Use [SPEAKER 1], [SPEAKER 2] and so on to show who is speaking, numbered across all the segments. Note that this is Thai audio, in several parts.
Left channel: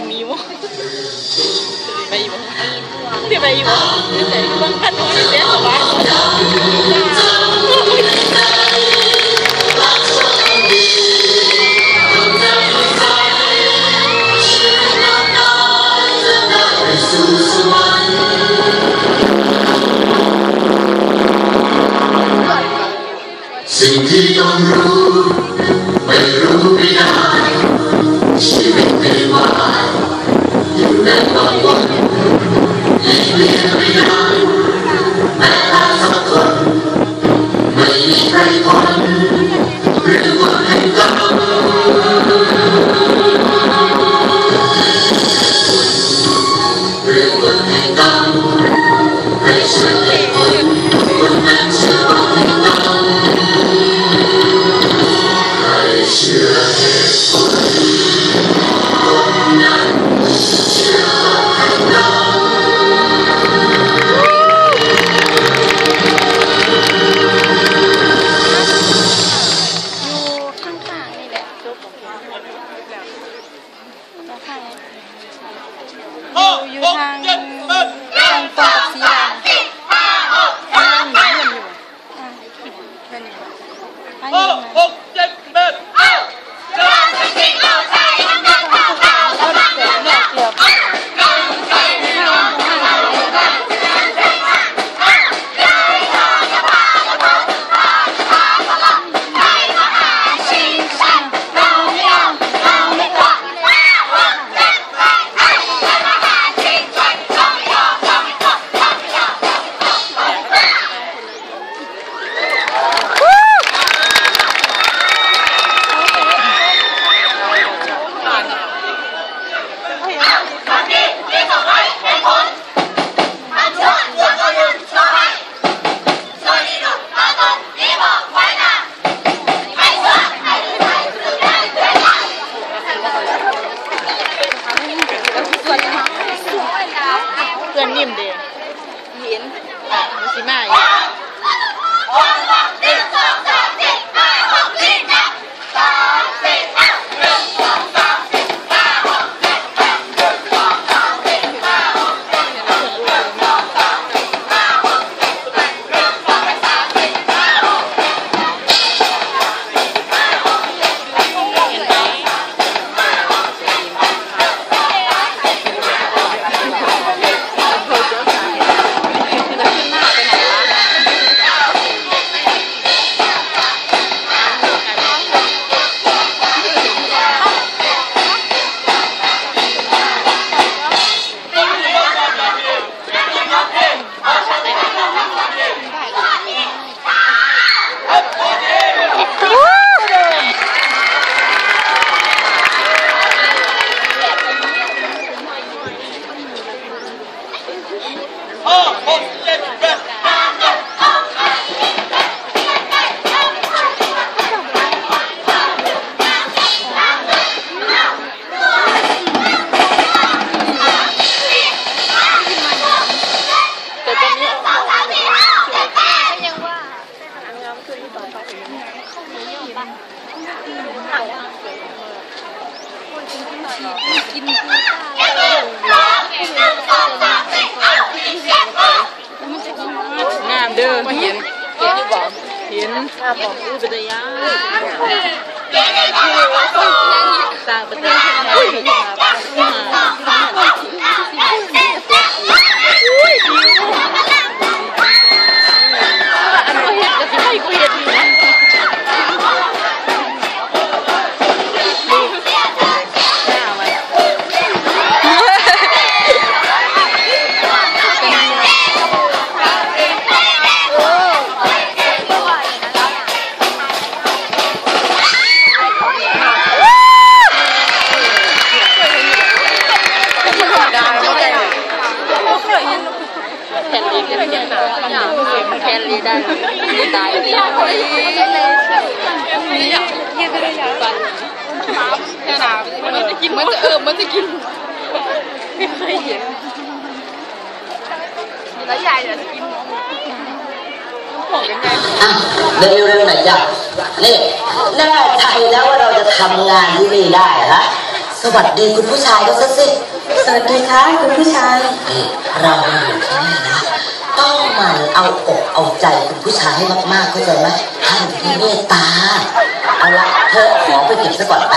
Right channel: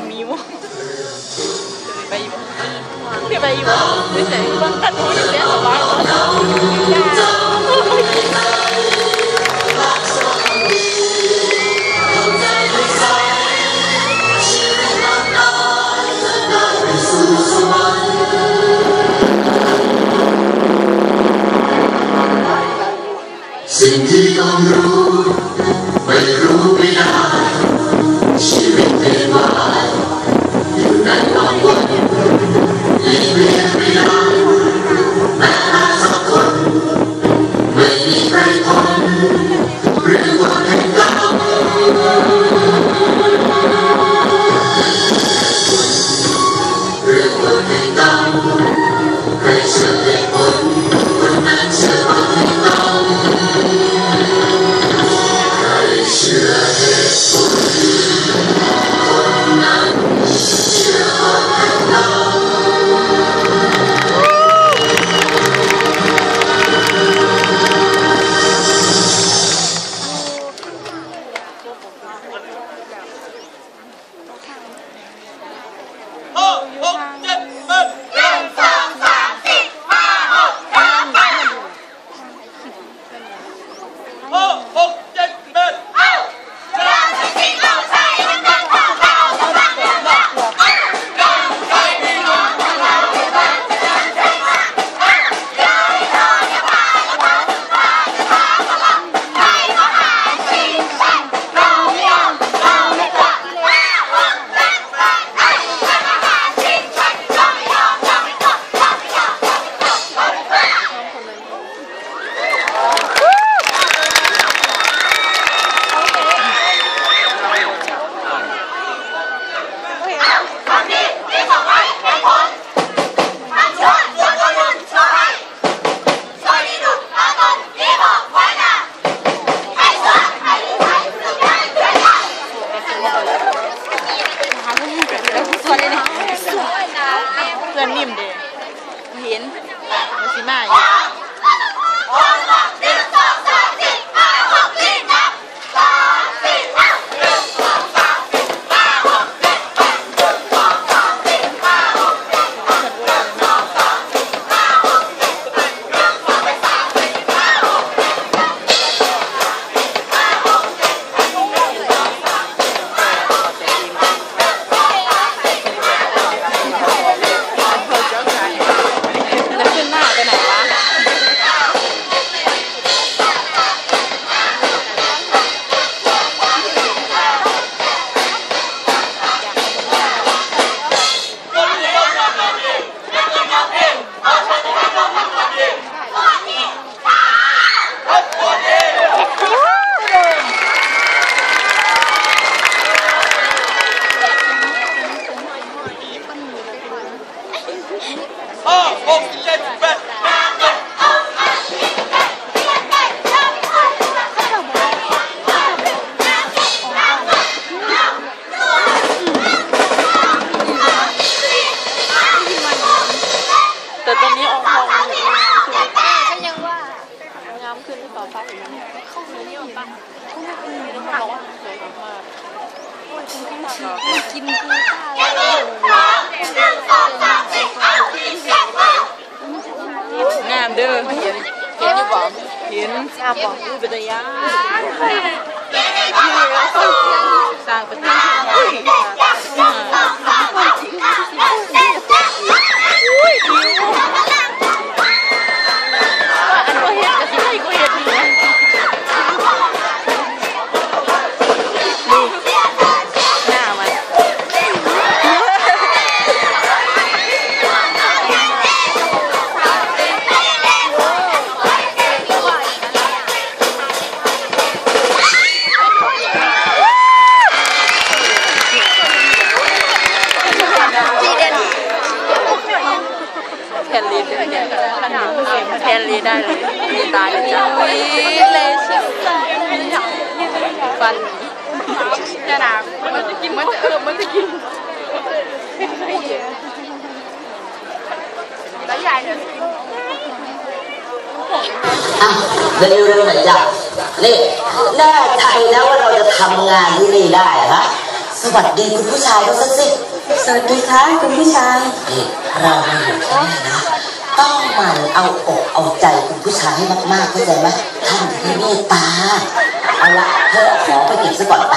[SPEAKER 1] 一米五，一百一五，一百一五，你再一个光看同意结束吧。心悸，如。 อน
[SPEAKER 2] นิ่มเด้
[SPEAKER 3] เหิน
[SPEAKER 1] มาสิมาอี
[SPEAKER 3] กินกูงามเด้อเห็นเห็นห
[SPEAKER 1] รือเปล่าเห็นทราบบอกอู้เป็นระยะสร้างประเทศอุ้ยอุ้ยดิวอัน แก่รีได้เลยตายเลยฟันเท่าน้ำมันจะกินมันจะเออมันจะกินแล้วใหญ่จะกิน
[SPEAKER 4] อะเร็วๆหน่อยจ้ะนี่แน่ใจแล้วว่าเราจะทำงานที่นี่ได้ฮะสวัสดีคุณผู้ชายก็สักสิสวัสดีค่ะคุณผู้ชายเราอยู่ที่นี่นะ ต้องมันเอาอกเอาใจคุณผู้ชายให้มากๆเข้าใจไหมท่านที่เมตตาเอาละเธอขอไปเก็บซะก่อนไป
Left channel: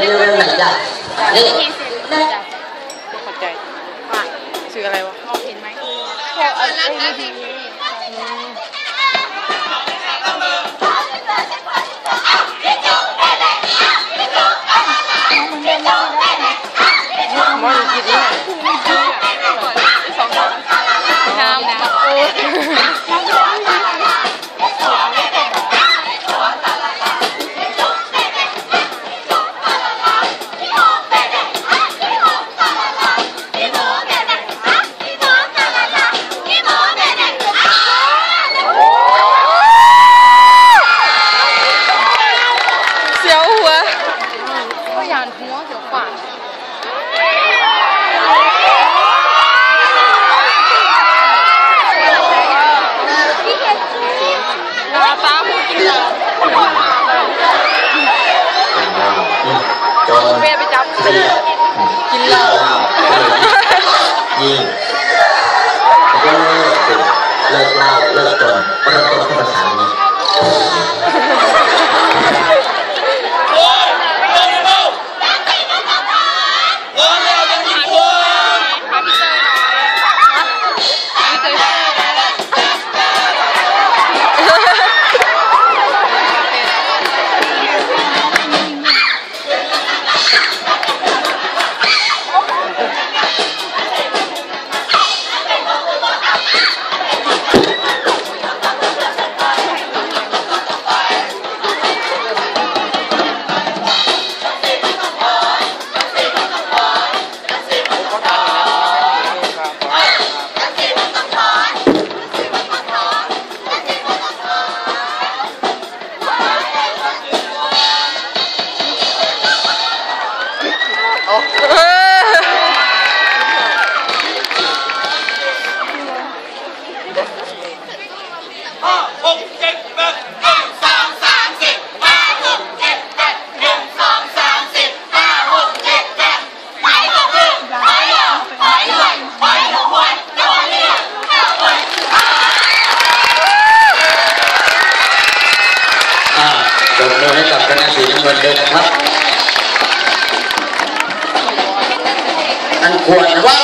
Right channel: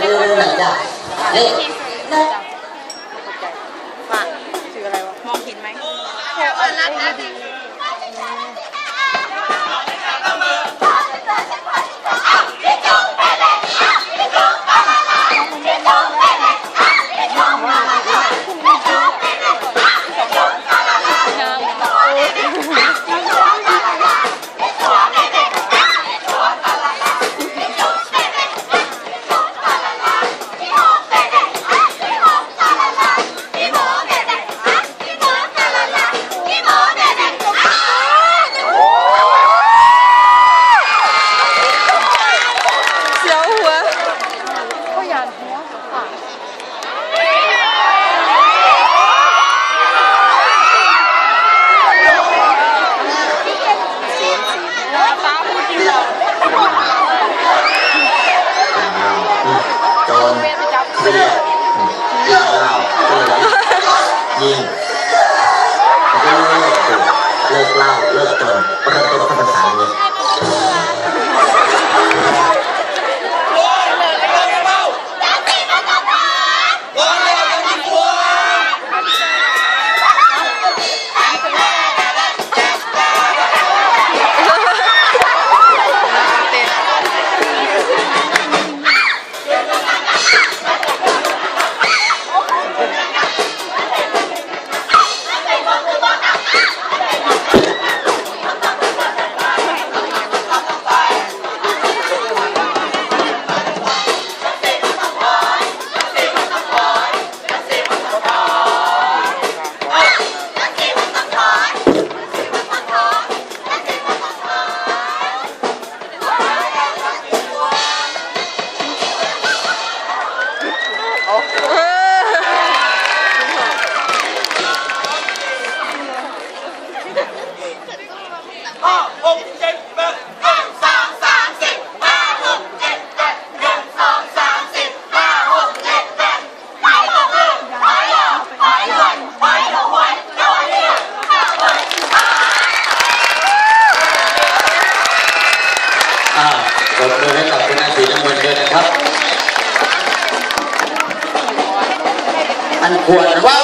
[SPEAKER 2] เร็วๆๆจ้ะนี่ชื่ออะไรวะ มองเห็นไหมแถวอั
[SPEAKER 1] นนั้นน หยาน
[SPEAKER 2] หัวเดี๋ยวฝาดจนเมียไป
[SPEAKER 1] จับกินเหล้า
[SPEAKER 4] ยิ
[SPEAKER 1] งเลิ
[SPEAKER 2] ก
[SPEAKER 3] เลิกเลิกเลิกจนประตูธรรมศาสตรนี้
[SPEAKER 5] นะ